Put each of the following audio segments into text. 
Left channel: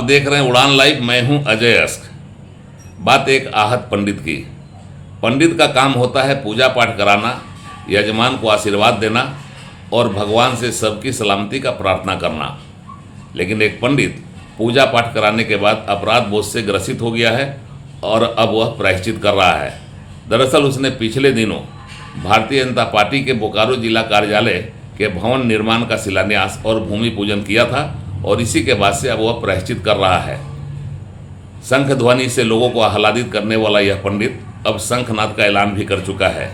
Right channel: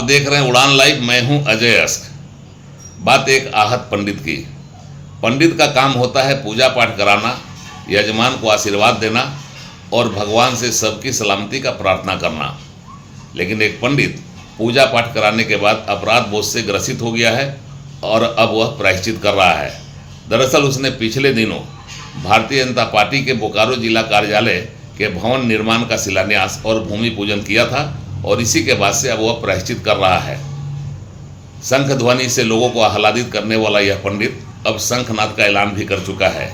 आप देख रहे हैं उड़ान लाइव। मैं हूं अजय अस्क। बात एक आहत पंडित की। पंडित का काम होता है पूजा पाठ कराना, यजमान को आशीर्वाद देना और भगवान से सबकी सलामती का प्रार्थना करना। लेकिन एक पंडित पूजा पाठ कराने के बाद अपराध बोझ से ग्रसित हो गया है और अब वह प्रायश्चित कर रहा है। दरअसल उसने पिछले दिनों भारतीय जनता पार्टी के बोकारो जिला कार्यालय के भवन निर्माण का शिलान्यास और भूमि पूजन किया था और इसी के बाद से अब वह प्रायश्चित कर रहा है। शंख ध्वनि से लोगों को आह्लादित करने वाला यह पंडित अब शंखनाद का ऐलान भी कर चुका है।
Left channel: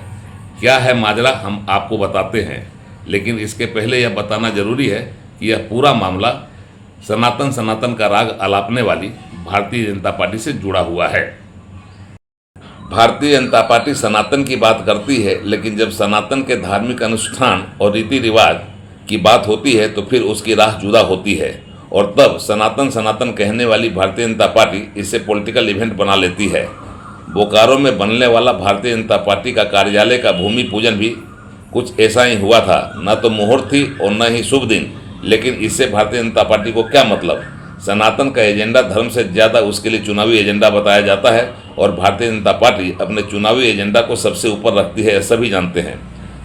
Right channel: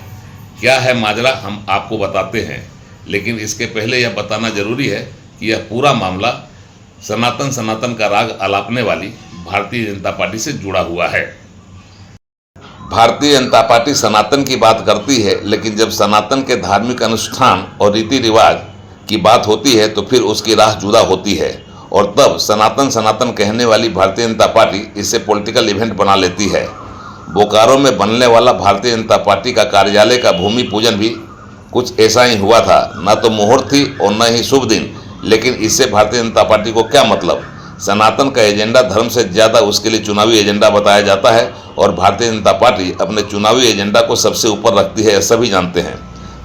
क्या है माजरा हम आपको बताते हैं, लेकिन इसके पहले यह बताना जरूरी है कि यह पूरा मामला सनातन का राग अलापने वाली भारतीय जनता पार्टी से जुड़ा हुआ है। भारतीय जनता पार्टी सनातन की बात करती है, लेकिन जब सनातन के धार्मिक अनुष्ठान और रीति रिवाज की बात होती है तो फिर उसकी राह जुदा होती है और तब सनातन कहने वाली भारतीय जनता पार्टी इसे पॉलिटिकल इवेंट बना लेती है। बोकारो में बनने वाला भारतीय जनता पार्टी का कार्यालय का भूमि पूजन भी कुछ ऐसा ही हुआ था। न तो मुहूर्त थी और न ही शुभ दिन, लेकिन इससे भारतीय जनता पार्टी को क्या मतलब। सनातन का एजेंडा धर्म से ज़्यादा उसके लिए चुनावी एजेंडा बताया जाता है और भारतीय जनता पार्टी अपने चुनावी एजेंडा को सबसे ऊपर रखती है, सभी जानते हैं।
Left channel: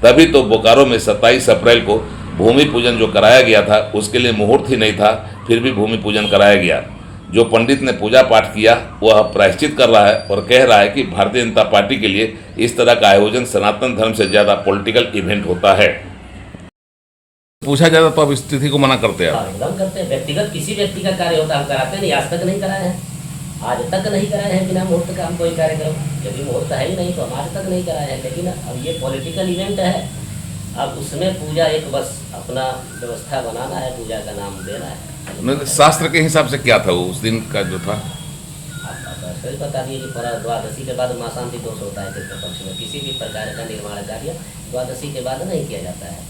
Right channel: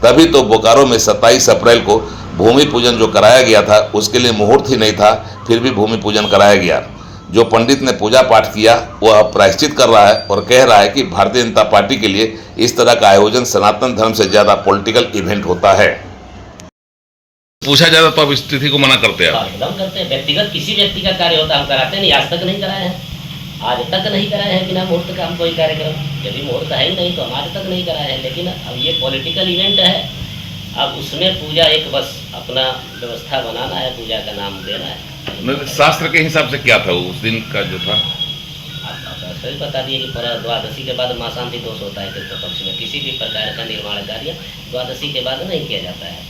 तभी तो बोकारो में 27 अप्रैल को भूमि पूजन जो कराया गया था उसके लिए मुहूर्त ही नहीं था, फिर भी भूमि पूजन कराया गया। जो पंडित ने पूजा पाठ किया वह प्रायश्चित कर रहा है और कह रहा है कि भारतीय जनता पार्टी के लिए इस तरह का आयोजन सनातन धर्म से ज़्यादा पॉलिटिकल इवेंट होता है। पूछा जाता तो अब स्थिति को मना करते हैं। एकदम करते हैं। व्यक्तिगत किसी व्यक्ति का कार्य होता हम कराते नहीं, आज तक नहीं कराए हैं। आज तक नहीं कराए हैं बिना मुहूर्त का हम कोई कार्यक्रम। यदि मुहूर्त है ही नहीं तो हम आज तक नहीं कराए हैं। लेकिन अब ये पॉलिटिकल इवेंट है, अब उसमें पूजा एक बस अपना व्यवस्था बनाना है, पूजा का नाम देना है। शास्त्र के हिसाब से क्या था उस दिन का जो था? आप सही बता दिए कि पूरा द्वादशी के बाद माँ शांति दोष होता है तृतीय पक्ष में। किसी भी प्रकार का निर्माण कार्य द्वादशी के बाद नहीं किया जाता है।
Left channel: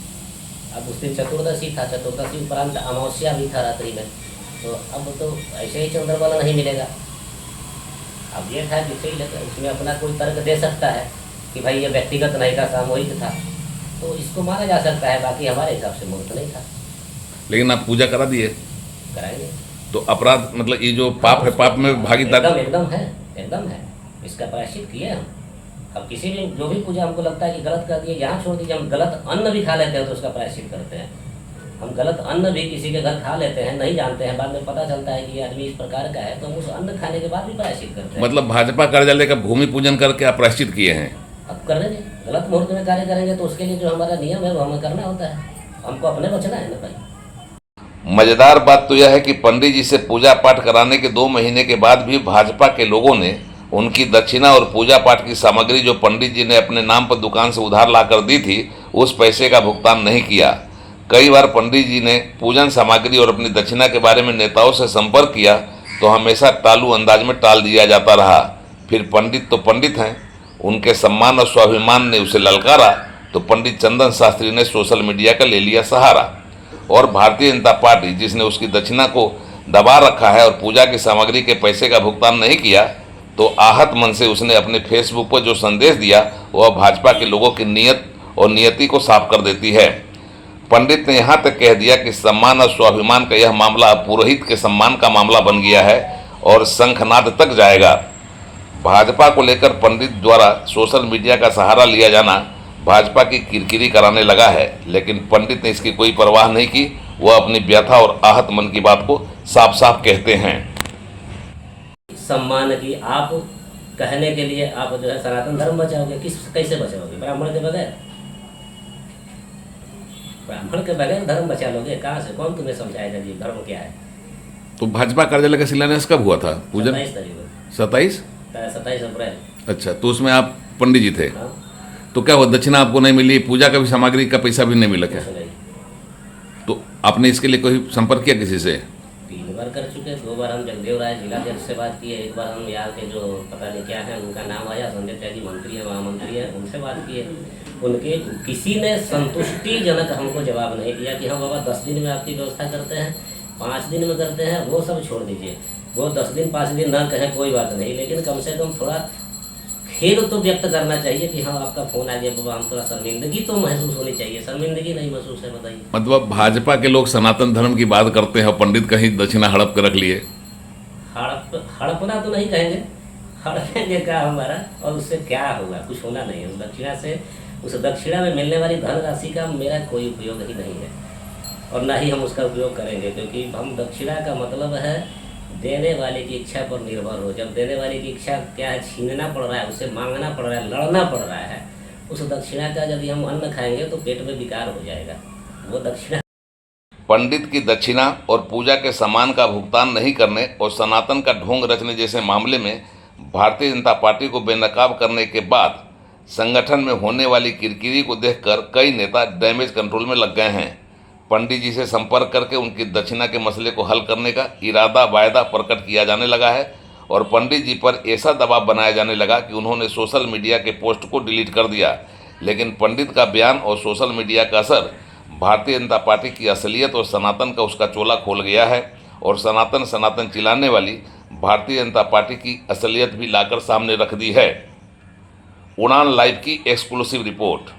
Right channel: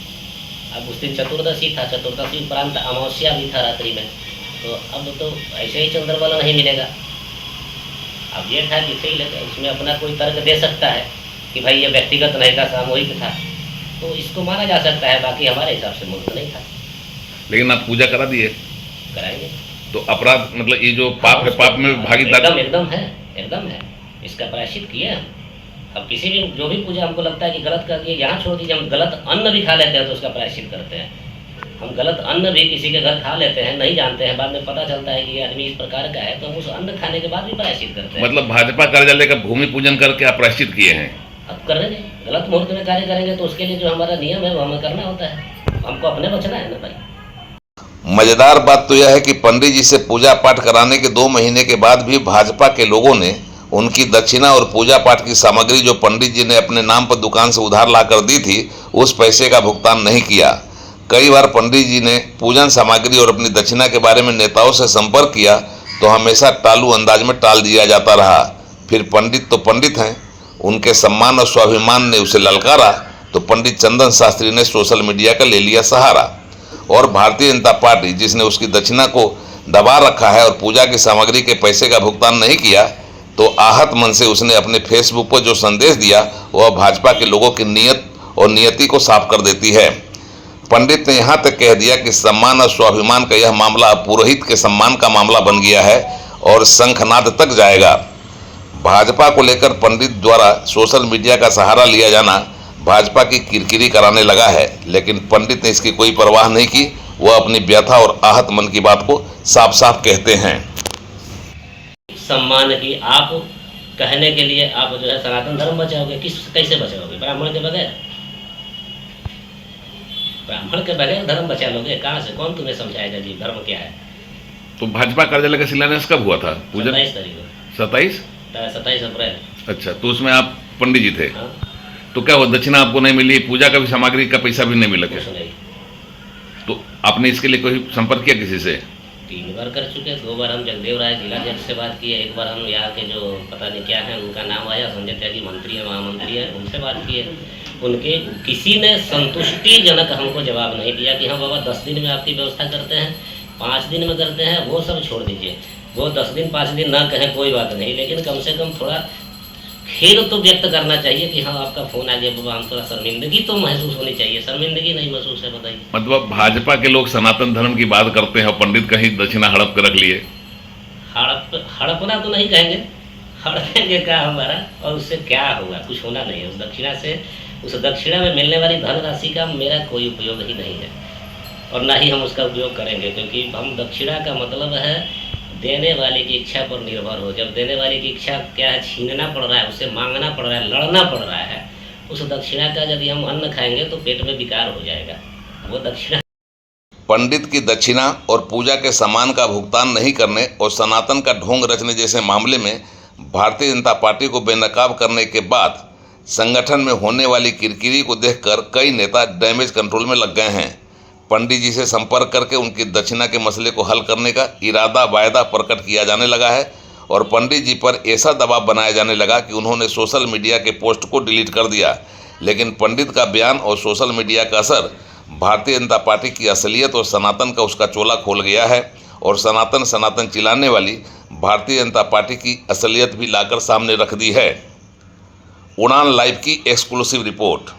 अब उस दिन चतुर्दशी था, चतुर्दशी उपरांत अमावस्या भी था रात्रि में, तो अब तो ऐसे ही चंद्रबल नहीं मिलेगा। अब ये था कि सही लगे, उसमें अपना कोई तर्क दे सकता है कि भाई ये व्यक्तिगत नहीं था, सामूहिक था, तो इसको माना जा सकता है। बाकी हमारे हिसाब से मुहूर्त नहीं था। लेकिन आप पूजा करा दिए, कराएंगे तो अपराध मतलब ये जो पाप है, पाप में भागीदार एकदम है। इसका प्रायश्चित किए हम। अब किसी भी जो भी पूजा हमको लगता है कि गलत कर दिए, यहाँ छोड़ दीजिए। हम गलत अन्न भी खा लेते हैं तो उसका प्रायश्चित करते हैं। हम गलत अन्न भी किसी के घर खा लेते हैं, नहीं जानते हैं, बाद में पता चलता है कि ये आदमी इस प्रकार का है, तो हम उस अन्न खाने के बाद भी प्रायश्चित करते हैं। मतलब भाजपा कार्यालय का भूमि पूजन करके आप प्रायश्चित किए हैं? अब करेंगे, गलत मुहूर्त में कार्य करेंगे तो उसके लिए जो हमारा नियम है वो हमें करना होता है। हमको अपने बचना है ना भाई। मजेदार बात तो यह है कि पंडित जी से पूजा पाठ कराने के 2 महीने के बाद भी भाजपा के लोगों ने उनकी दक्षिणा और पूजा पाठ की सामग्री जो पंडित जी ने अपने नाम पर दुकान से उधार लाकर दी थी, उस पैसे का भुगतान नहीं किया। कई बार पंडित जी ने पूजन सामग्री और अपनी दक्षिणा के बारे में नेताओं से संपर्क किया तो हमेशा टालू अंदाज में टाल दिया जाता रहा। फिर पंडित तो पंडित हैं, उनके सम्मान और स्वाभिमान ने उसे ललकारा तो पंडित चंदन शास्त्री ने सोशल मीडिया का ले लिया सहारा। और भारतीय जनता पार्टी जिसने उसकी दक्षिणा को दबा रखा है और पूजा की सामग्री के पैसे का भुगतान नहीं किया, तो आहत मन से उसने अपने फेसबुक पर जो संदेश दिया वह भाजपा के लोगों की नीयत और नियति को साफ कर देती है। पंडित ने यहाँ तक कह दिया कि सम्मान और स्वाभिमान का यह मामला अब पुरोहित के सम्मान का मामला बन गया है और शंखनाद तक जाएगा। भाजपा को लेकर पंडित द्वारा सोशल मीडिया का सहारा लिया जाना भाजपा की किरकिरी कराने लगा है, लेकिन पंडित ने इसकी कोई परवाह नहीं की। वह अपनी व्यथा और आहत मन की बात को साफ साफ कहते हैं। सम्मान की आप कहने के लिए आप जो है सनातन धर्म बचाओगे, कैसे बचाओगे? ब्राह्मण के बगैर? ब्राह्मण के बगैर धर्म बचा लोगे? कहाँ से? कौन तुम्हें समझाएगा जी धर्म क्या है? तो भाजपा कार्यालय का शिलान्यास कब हुआ था? पूजन 27 तारीख को। 27 अप्रैल। अच्छा, तो उसमें आप पंडित जी थे? हाँ। तो क्या हुआ, दक्षिणा आपको नहीं मिली, पूजा का भी सामग्री का पैसा भी नहीं मिला क्या? कुछ नहीं। तो आपने इसके लिए कोई संपर्क किया किसी से? 3 बार कर चुके। 2 बार हम जगदेव राय जिला जज से बात किए, 1 बार हम यहाँ के जो पता नहीं क्या है उनका नाम आया, संजय त्यागी मंत्री है, महामंत्री है, उनसे बात किए। उनके किसी ने संतुष्टिजनक हमको जवाब नहीं दिया कि हाँ बाबा 10 दिन में आपकी व्यवस्था करते हैं, 5 दिन में करते हैं। वो सब छोड़ दीजिए, वो 10 दिन 5 दिन ना कहें कोई बात नहीं, लेकिन कम से कम थोड़ा खेद तो व्यक्त करना चाहिए कि हाँ आपका फोन आ गया बाबा, हम थोड़ा शर्मिंदगी तो महसूस होनी चाहिए। शर्मिंदगी नहीं महसूस है, बताइए। मतलब भाजपा के लोग सनातन धर्म की बात करते हैं, पंडित कहीं दक्षिणा हड़प कर रख लिए। हड़पना तो नहीं कहेंगे, हड़पेंगे क्या हमारा, और उससे क्या होगा, कुछ होना नहीं है। उस दक्षिणा से, उस दक्षिणा में मिलने वाली धनराशि का मेरा कोई उपयोग ही नहीं है, और ना ही हम उसका उपयोग करेंगे, क्योंकि हम दक्षिणा का मतलब है देने वाले की इच्छा पर निर्भर हो। जब देने वाले की इच्छा क्या है, छीनना पड़ रहा है, उससे मांगना पड़ रहा है, लड़ना पड़ रहा है, उस दक्षिणा का यदि हम अन्न खाएंगे तो पेट में विकार हो जाएगा। वो दक्षिणा पंडित की दक्षिणा और पूजा के सामान का भुगतान नहीं करने और सनातन का ढोंग रचने जैसे मामले में भारतीय जनता पार्टी को बेनकाब करने के बाद संगठन में होने वाली किरकिरी को देखकर कई नेता डैमेज कंट्रोल में लग गए हैं। पंडित जी से संपर्क करके उनकी दक्षिणा के मसले को हल करने का इरादा वायदा प्रकट किया जाने लगा है और पंडित जी पर ऐसा दबाव बनाया जाने लगा कि उन्होंने सोशल मीडिया के पोस्ट को डिलीट कर दिया। लेकिन पंडित का बयान और सोशल मीडिया का असर भारतीय जनता पार्टी की असलियत और सनातन का उसका चोला खोल गया है और सनातन सनातन चिल्लाने वाली भारतीय जनता पार्टी की असलियत भी लाकर सामने रख दी है। उड़ान लाइव की एक्सक्लूसिव रिपोर्ट।